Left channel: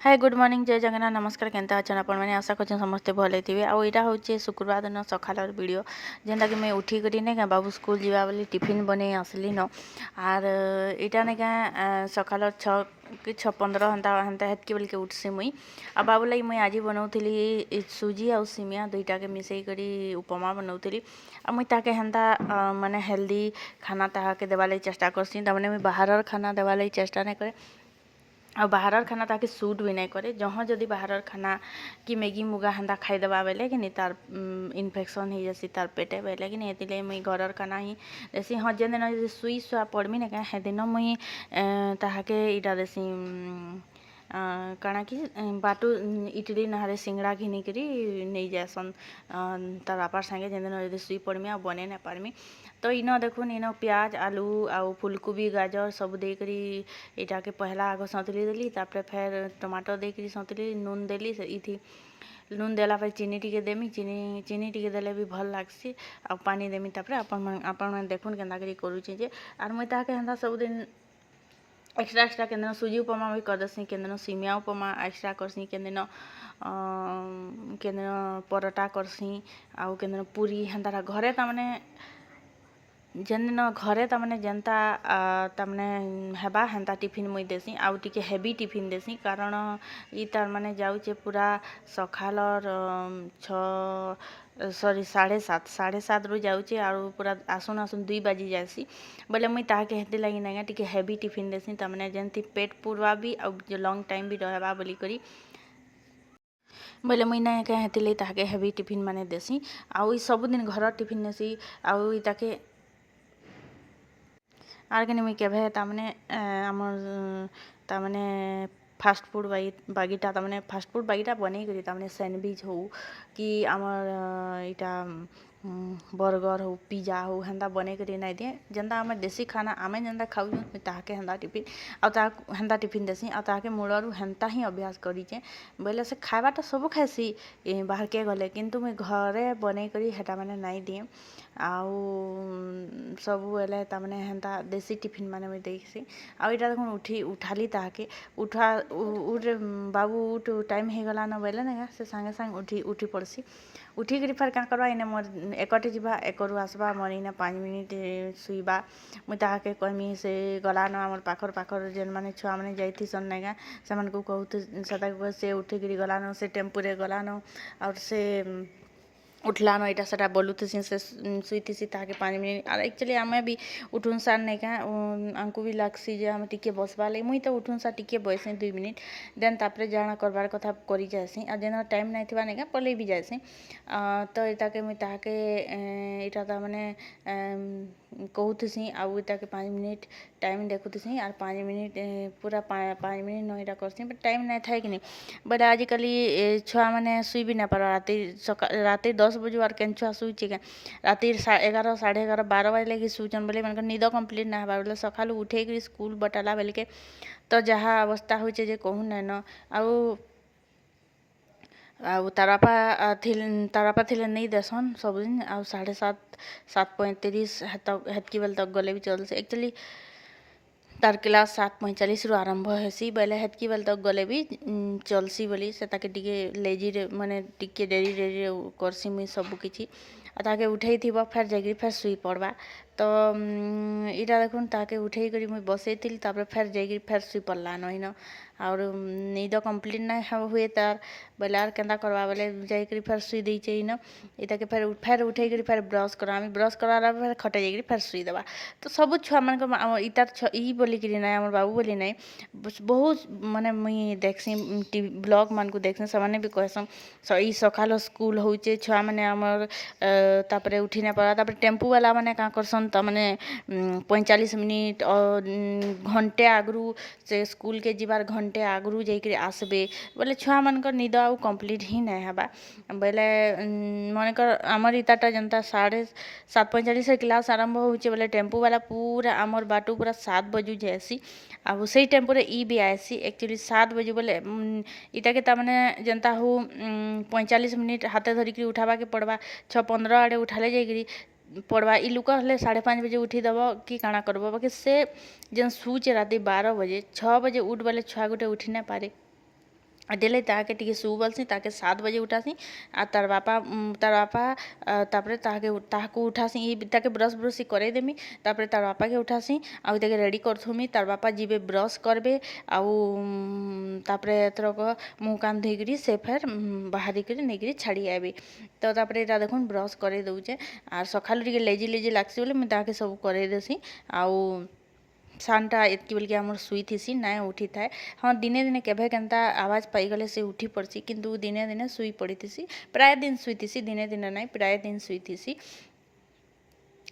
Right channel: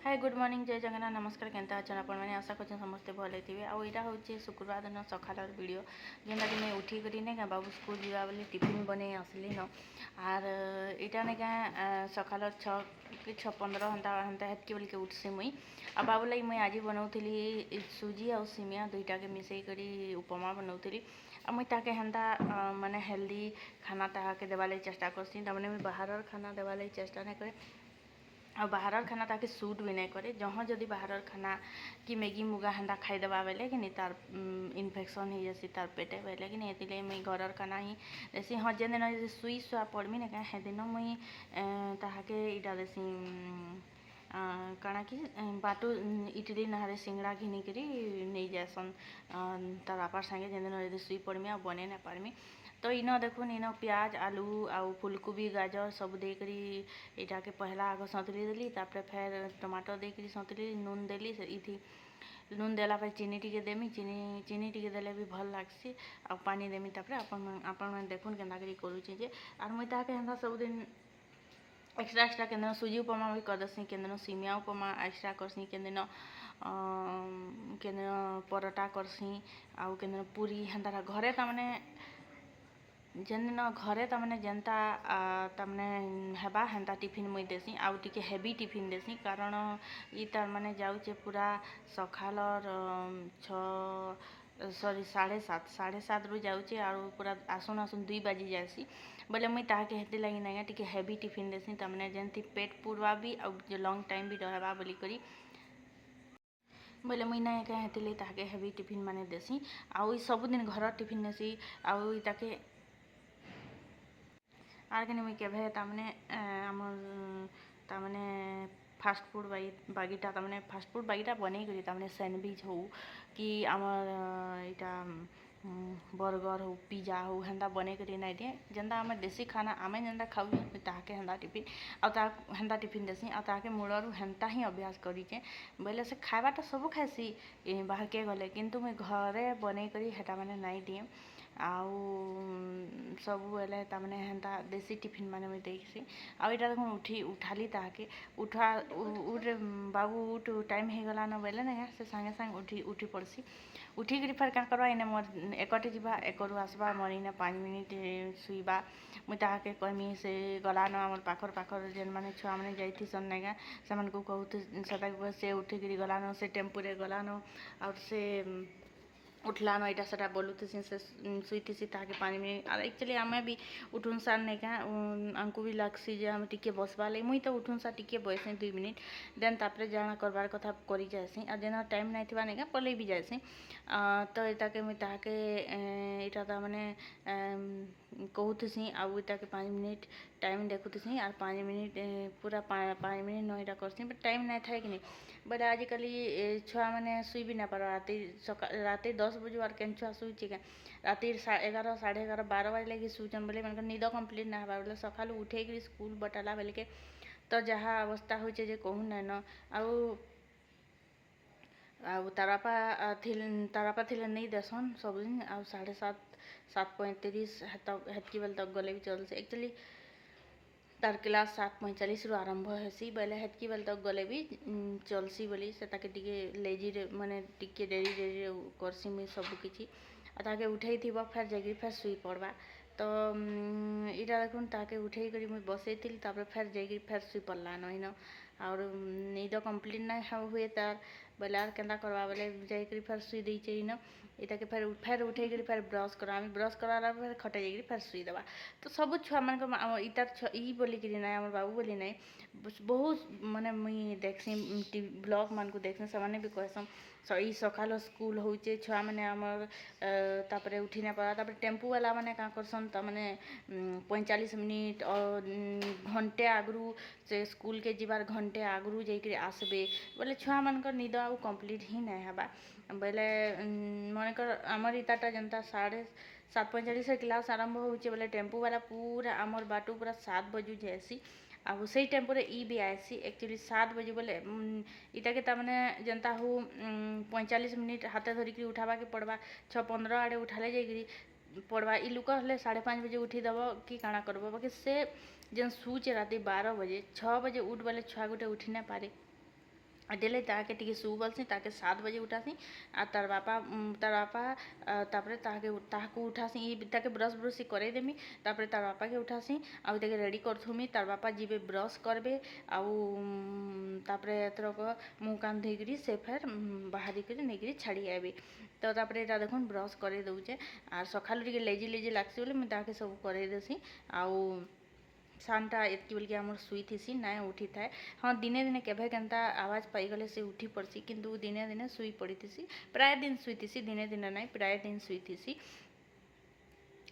Hi good morning जय जगन्नाथ नमस्कार केनता अच्छा आपण मैंने आशा कर समस्ते भले थे आउ यहाँ हूँ शुक्रवार दिन सकाल वीडियो जेनटा कि मैं उठी करी नहीं क्या बाबू स्कूल जावा बोली टिफिन बने आसली न आर यहाँ नहीं क्या सकाल 6 कि 6:15 हंता हंता हेतकी बोल के उठसी मुई आ बाबू लगी मुई आज बनाऊली सुजी आ सिमिया दुईटा के मिसई करी उपमा बनाऊली आ मुई ताके हेन्ता माने हेल्दी खाना ताके देवा लगी चेष्टा करसी तमाने मुई बाहर खाना देवा लगी चेष्टा नहीं करे आ बाहर खाना ताकि सूट भी नहीं करे जहाँ जदि बाहर खाना कि मैगी मुगा हेन्ता खाईदेवा बेले कि नहीं तार इन्फेक्शन हो जैसी तार पेटे बेले कि नहीं ये मुई घर खाना ही देसी हाँ जेन दिन यदि सुई सुआ पड़मी ना क्या दिन मुई ताके इटा देसी काଣା कि बाटू इटली नहारे सिंगड़ा घिनिकरी नहीं जासन तार बापार संगे जेन दिन यदि सुई पड़मी आ बने नहीं पारमी तो इन देखुन इन प्याज आलू आउ फुलकोबी गाजर सब देकरी इटा के पहला आग सौतली देली तापर फिर टमाटर देकरी सौतली नून देली इथी नून देला पर चीनी टिके देमी चीनी टिके देले भी भल लागसी आ पानी देमी तापर आपण मैंने देखुन केन्ता करी करूची जे आर मुई ताके हेन्ता सबदिन एक्स्ट्रा केन सुजी उपमा भी कर देसी केन सिमिया उपमा एक्स्ट्रा करसी केन परोटा करसी आउ केन पूरी हेन्ता घरे तमाने जेन दिन घरे तमाने जेनता तमाने हेबा हेन्ता टिफिन मुई देसी आउ टिके हेवी टिफिन देसी कारण ई तार माने जाउचे पूरा सखालर 7:30 रु जाउचे आउ पूरा आसुन 2 बाजी जासी बोले मुई ताके हेते लगी ना टिके हेवी टिफिन देसी तमाने जेनती पेट पूरवा भी आउ लॉन्ग टाइम भी रहबा बोली करी बोले मुई ना क्या हेते लगी ताके हेवी टिफिन माने देसी आउ ई सबदिन घर टिफिन देसी आउ ई ताके आर के मुई केभे तामने आमर तामने फास्ट फूड बागीटा तामने फास्ट फूड बागीटा बनै करी तामने सैंडविच हो कि आमर इटा बर्गर हो पिज्जा हो हेन्ता बनै करी नहीं दिए जेनता आम देसी खाना आमे जेनता खाऊ ताके हेन्ता टिफिन आ हेन्ता टिफिन देसी आ ताके मूलरू हेन्ता ही अभ्यास करीचे बोले से खावाटा सब खाइसी बाहर के गले किंतु मुई घरे बनै करी हेटा माने नहीं दिए आउ सब बेले तामने हेन्ता देसी टिफिन माने मुई देसी आउ इटा देखुन उठाली ताके उठा उठ बाबू उठ टाइम हो गला न बोले ना से सांगे सांगे उठी पड़सी उठिक फिर क्या करवा इने मोर एकटे जीवा एकरू आसबा मोर इने 5 मिनिट सुईबा मुई ताके कहमी से गला न आमर पाखर जेन माने छुआ माने जाइथी सन नाइगा से मन को कहते से उठिक गला न से टेम्पू रे गला न और से उठला न इटा सेटा बोलुथसी से सुईथी ताके 5 मिनिट और एक्चुअली आमे भी उठुन सार नहीं क्या आमको भी लगसी जे आम टिके बसवा लगे मुई तो उठुन सार टिके बसे 2 मिनिट देन तापर जाना करबार कथा करी जाएसी आ जेन टाइम नहीं थिबा नहीं क्या पलई भी जाएसी तो इटा के मुई ताके इटा ता माने कहूथसी आउ इटा के 5 मिनिट टाइम देखुथसी और 5 मिनिट पूरा 5 मिनिट न इटा करसी बट टाइम नहीं था कि नहीं बट आजिकल छुआ मैंने सुई भी नहीं पारा राति 10 बजे और केन छुआ शुचे क्या राति 11 11:30 12 बजे लगे शुचन बोले मन निद कम्प्लीट ना हबार बोले सकाल उठे स्कूल बटाला बेल के तो जहाँ अवस्था हो कहूँ नहीं न आउ तार बापा थिले नहीं देसन सबदिन आउ 7:30 हेतकी बेल तक गले भी चलसे एक्चुअली तार क्लास 7:45 रु आरंभ हेसी बोले हेतकी बेल तक गले भी चलसी बोली से ताके टिके लेजी माने टिके डेरी करसी मुई सब किछि ताके उठे थी फिर जाकि फिर सुई पड़वा तो इटा देखुन ताके उठे करी मुई बसई तापर फिर जाकि फिर सुई पड़ला न और निद कम्प्लीट नहीं हुए तार बोले आर केन्ता करवा बोले जाकि फिर सुई देचे इन इटा के फिर उठे करी फिर ब्रश करामी ब्रश करा फिर खटे जाकि फिर सुई देवा तो सब छुआ मान इटार ई बोली करी ना आम बाबू बोली ना बहुत माने मुई देखसी ब्लॉग मान को देखसी से भी कहसन ई सकाल स्कूल होचे छुआ मैंने आमर तापरे उठी नहीं पड़ा तापर टेम्पू वाला मैंने क्या करसन तो मैंने 45 मिनिट और घंटे आगरू से स्कूल के जीवार घंटे आगरू जाकि आसबे बोले छुआ मानकर निद आउ कम्प्लीट ही नहीं हबा बोले मनकर आमर इताटा जनता 7:45 क्लास आरंभ होचे बोले टेम्पू वाला पूरा आमर बाटू पूरा 7 बजू जाएसी आउ से टेम्पू रे ई भी आएसी एक्चुअली 7 बजे बोले इटा के तामने जनता हो 45 मिनिट हाथे धरिकी उठावा के पड़वा 6:15 आड़े उठाले जाकि पड़वा ई लुका हले 5:30 बजे उठी दब कि काଣା करब बाकी से जेन शुचे राति 12 बजे 6 बजे उठ बोले छुआ गोटे उठी नहीं पारे डेले ताके टिके शू बोलसी ताके 7 बजे उठासी आ तार बापा तापरे ताहाको उठासी ताके ब्रश ब्रश करे देमी तापरे तार बापा के उठासी आउ ताके रेडी करथुमी तार बापा जीवे ब्रश करबे आउ तापरे एथरक मुँह कान धोइकरी से फेर बाहरी करी नेकरी छाड़ी आबे तो तापरे एटा देखुन ब्रश करे दउचे आर सखालु टिके लेजी लेजी लागसी बोले मुई ताके सब करे देसी आउ सानटा एतकी बेलके आमर शुई थिसी नाय उठी थाए हाँ दिने दिने केभे केनता आवाज पाईगले से उठी पड़सी किंतु दिने दिने शुई पड़ी थिसी प्राय दिन शुई थिसी दिने दिने नाई प्राय दिन शुई थिसी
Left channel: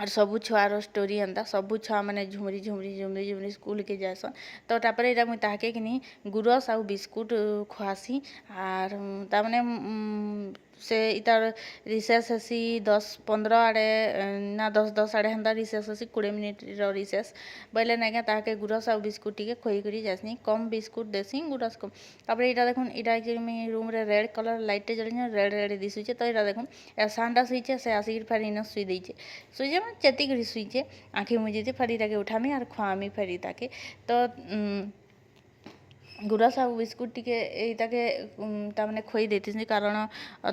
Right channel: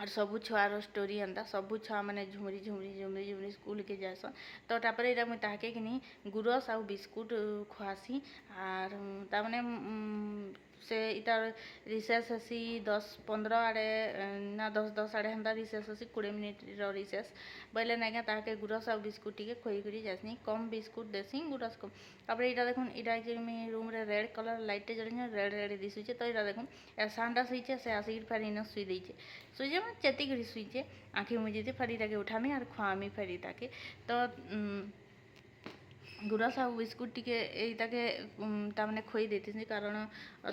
और सबू छुआर स्टोरी एंता सबू छुआ मैंने झुमरी झुमरी झुमरी झुमरी स्कूल के जासन तो तापरे एटा मुई ताहाके किनी गुरस आउ बिस्कुट खुआसी आर तामाने से इतार रिसेस हेसी 10-15 आड़े ना 10-10 आड़े हेन्ता रिसेस हेसी 20 मिनिट रिसेस बोले नाइका ताहाके गुरस आउ बिस्कुट टिके खोई करी जासनी कम बिस्कुट देसी गुरस कम तापरे एटा देखुन एटा कि मी रूम रे रेड कलर लाइट जळिन रेड रेड दिसुचे तो एटा देखुन ए सानटा सुइचे से आसिक फेर इन सुई देइचे सुइजे मन चेती करी सुइचे आँखि मुजिते फेर इटाके उठामी आर खुआमी फेर इटाके तो गुरस आउ बिस्कुट टिके इटाके तामाने खोई देथिसी कारण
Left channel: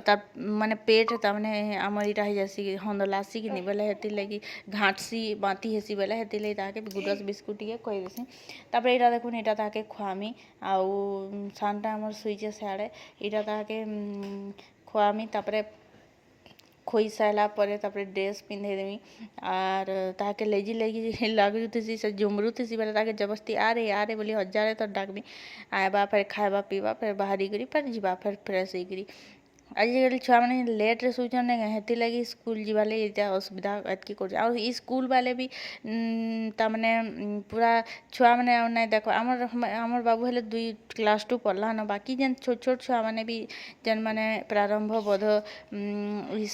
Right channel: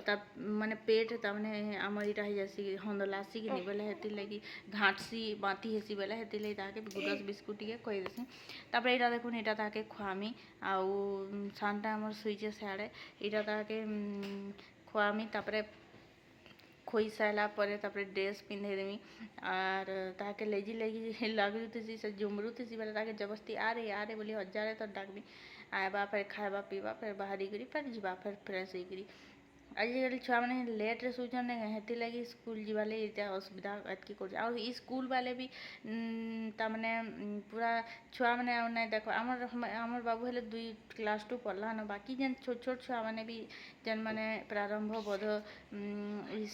तार माने पेट तामाने आमर इटा हो जासी हंदलासी कि बेले हेतिर लगी घाटसी बाती हेसी बेले हेतिर लगी ताके गुरस बिस्कुट टिके खोई देसी तापरे इटा देखुन इटा ताके खुआमी आउ सानटा आमर सुइचे साड़े इटा ताके खुआमी तापरे खोई सारा पर तापरे ड्रेस पिंधे देमी आर ताके लेजी लेगी लागुथी से झुमरुथी बेले ताके जबरदस्ती आरे बोली हजारे तो डाकबी आएबा फिर खाएबा पीबा फिर बाहरी करी फिर जीवा फिर फ्रेश होकर आजिकल छुआ मैंने लेट रे सुचन हेती लगी स्कूल जीवाले इतना असुविधा एतकी कर और स्कूल वाले भी तामने पूरा छुआ मैंने ना देखो आमर बाबू हेले 2 क्लास 2 पढ़ला न बाकी जेन छोट छोट छुआ मैंने भी जेन मैंने प्रारंभ बोध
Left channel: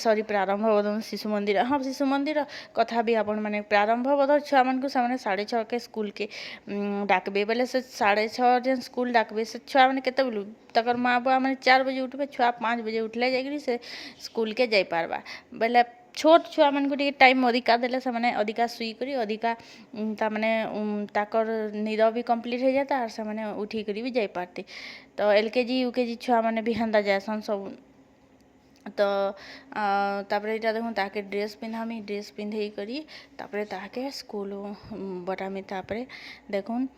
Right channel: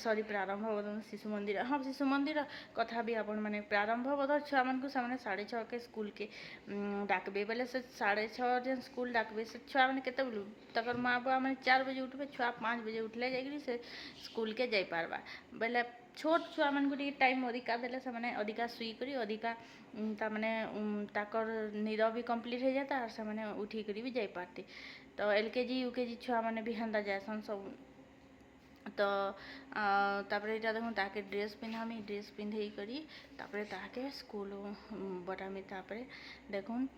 सॉरी प्रारंभ बोध शिशु मंदिर हाँ शिशु मंदिर कथा भी आपण मैंने प्रारंभ बोध छुआ मान को सामने 6:30 के स्कूल के डाकबे बोले से 6:30 जेन स्कूल डाकबे से छुआ मैंने केते बोलू तकर माँ बाप मैंने 4 बजे उठबे छुआ 5 बजे उठले जाइकरी से स्कूल के जाई पारबा बोले छोट छुआ मान को टाइम अधिका देले से माने अधिका सुई करी अधिका ता माने ताकर निद भी कंप्लीट हो जाता और से माने उठी करी भी जाई पारती तो एलकेजी यूकेजी छुआ माने भी हंदा जासन सब तो तापरे इटा देखुन ताके ड्रेस पिंधामी ड्रेस पिंधे करी तापरे ताके स्कूल बटामी तापरे देखुन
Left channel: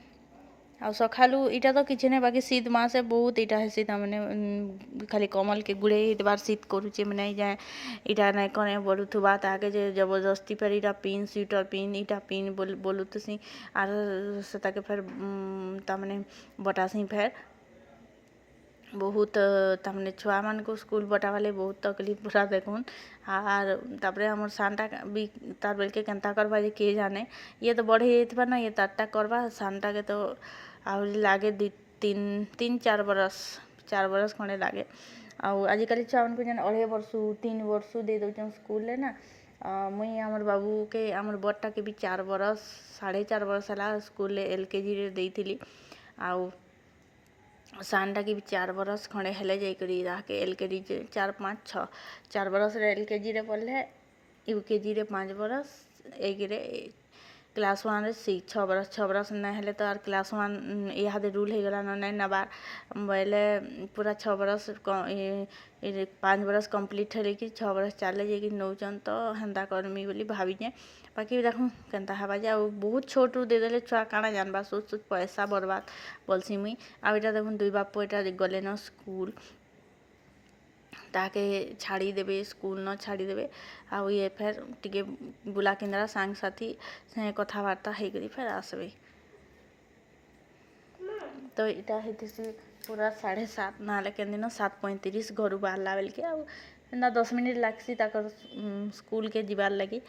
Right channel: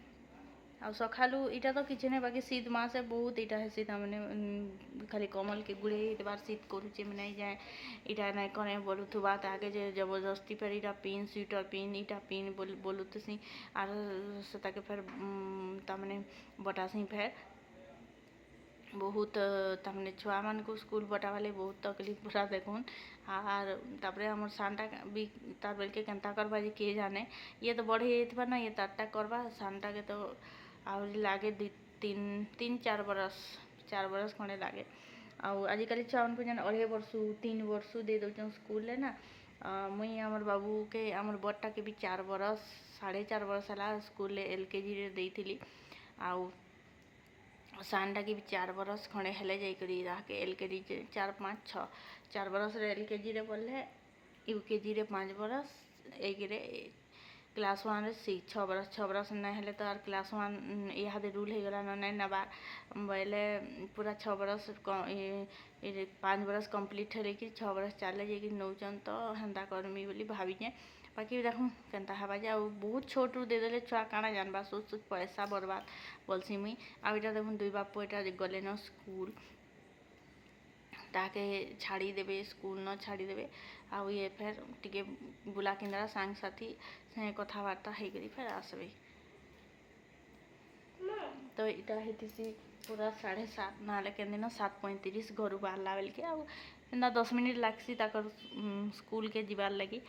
आ सखालू इटा तो किसी नहीं बाकी शीत मासे बहुत इटा है शीत मैंने खाली कमल के गुड़े बार शीत करुचे मैंने जाए इटा नहीं कने बोलुथुबा ताके जे जबरदस्ती पर इटा पिन स्वेटर पिन इटा पिन बोलुथसी आर से ताके फिर तामने बटासी फिर बहुत तामने छुआ मान को स्कूल बटा वाले बहुत तकलीफ पूरा देखुन आर तापरे हमर सानटा भी तार बेलके केनता करबा जे के जाने ये तो बढ़े जाइतबा ना ये तारटा करबा सानटा के तो आहरी लागे 3-4 बरस 4 बरस खंडे लागे आजिकल छुआ मान को जेन 2.5 वर्ष 3 वर्ष दे दउछन स्कूल ना मुई हमर बाबू के हमर बड़टा के भी 4 बरस 4.5 बरस हला स्कूल एलकेजी रे देइथिली आउ सानटा के भी 4 बरस खंडे हेले जाइकरी राके एलकेजी 4-5-6 बरस रे एलकेजी रे पढ़ले यूकेजी रे 5 बरस एक रे क्लास 1 रे 6 बरस ना हेले तो आर क्लास 1 इहादे रूल हो गला ना नबार बोले पूरा 6 बरस 5 बरस कंप्लीट हेले कि 6 बरस चले जाइए नौचन तो हेन्ता करमी बोली भावीजे बाकी देखूँ केनता हवा जा बहुत छोट दे देले छुआ काଣା जानबा सोच पैसा बर्बाद बोलसी मुई आटा देखुन 2 बाप एटा गले न स्कूल ताके छाड़ी देबे स्कूल न छाड़ी देबे आउ ये फिर टिके बुला केन्द्रा सांग साथी से कथबार्ता हो गई फिर आसबे तो इटा हेतिसी पूरा 7:30 ना केन दिन 7:35 घर बाहरला बेलके आउ 10 मिनिट लागसी ताकर स्कूल के जीवार लगी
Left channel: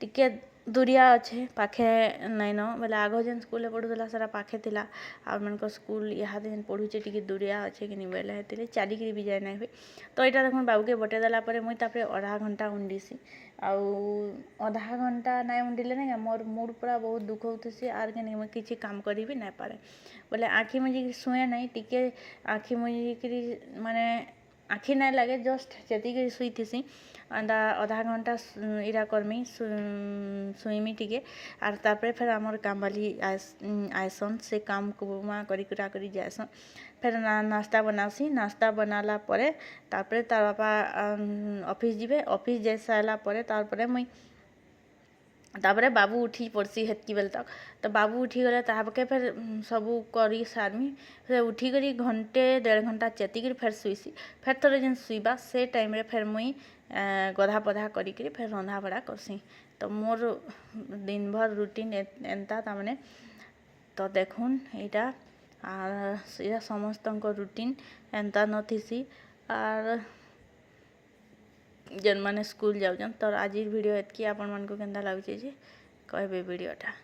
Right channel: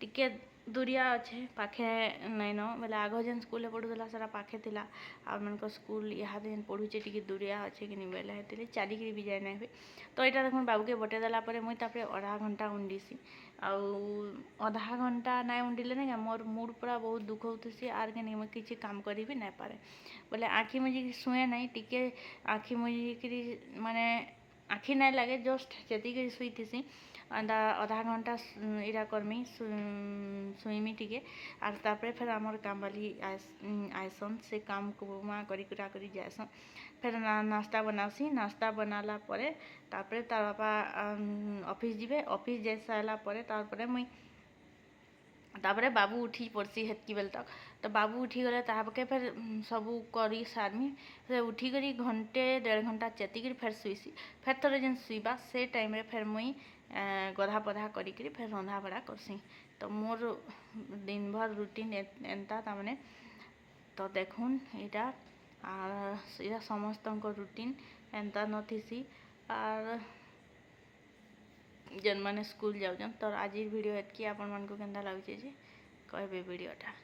टिके दूरिया अच्छे पाखे नहीं न बोले आग जेन स्कूल पढ़ुला सारा पाखे थिला आ मन स्कूल यहाँ जेन पढ़ुचे टिके दूरिया अच्छे कि नहीं बोले हेतिले चालिकी भी जाए ना हुए तो यहाँ देखो बाबू के बटे देला मुई तापरे आधा घंटा उंडीसी आधा घंटा ना उंडिले ना मोर मूड पूरा बहुत दुख होती आर के नहीं मुझे किसी काम करी भी नहीं पारे बोले आँखी मुझे शुए नहीं टिके आँखी मुझे माने आँखी नहीं लगे जस्ट चेती शुई थी आधा घंटा इरा करमी सुईमी टिके आर तापरे फिर आमर काम वाली आयसन से काम कुमा करी कुरा करी जायसन ଫେର୍ ନାସ୍ତା ବନାସି ନାସ୍ତା ବନାଲା ପରେ ତାପରେ ତାର୍ ବାପା ଅଫିସ୍ ଯିବେ ଅଫିସ୍ ଯାଇ ସାରିଲା ପରେ ତାପରେ ମୁଇଁ ତାପରେ ବାବୁ ଉଠି ପଡ଼୍ସି ହେତ୍କି ବେଲ୍ ତକ୍ ତ ବାବୁ ଉଠିଗଲେ ତାହାକେ ଫେର୍ ସବୁ କରି ସାର୍ମି ଫେର୍ ଉଠିକରି ଘଣ୍ଟେ 1.5 ଘଣ୍ଟା ଚେତିକିରି ଫେର୍ ଶୁଇସି ଫେର୍ ଥରେ ଯେନ୍ ଶୁଇବା ସେ ଟାଇମ୍ରେ ଫେର୍ ମୁଇଁ ଗଧା ପଧା କରିକିରି ଫେର୍ ରନ୍ଧା ବଢ଼ା କର୍ସି ତ ମୋର୍ ଦିନଭର୍ ରୁଟିନ୍ ଏନ୍ତା ତାମାନେ ତ ଦେଖୁନ୍ ଏଇଟା ଏଇଟା ସମସ୍ତଙ୍କ ରୁଟିନ୍ ଏନ୍ତା ନଥିସି ଆର୍ ଯେନ୍ମାନେ ସ୍କୁଲ୍ ଯାଉଛନ୍ ତ ଆଜିର୍ ଭିଡ଼ିଓ ଏତ୍କି ଆପଣମାନଙ୍କୁ କେନ୍ତା ଲାଗୁଛେ ଯେ କହିବେ ଭିଡ଼ିଓଟା।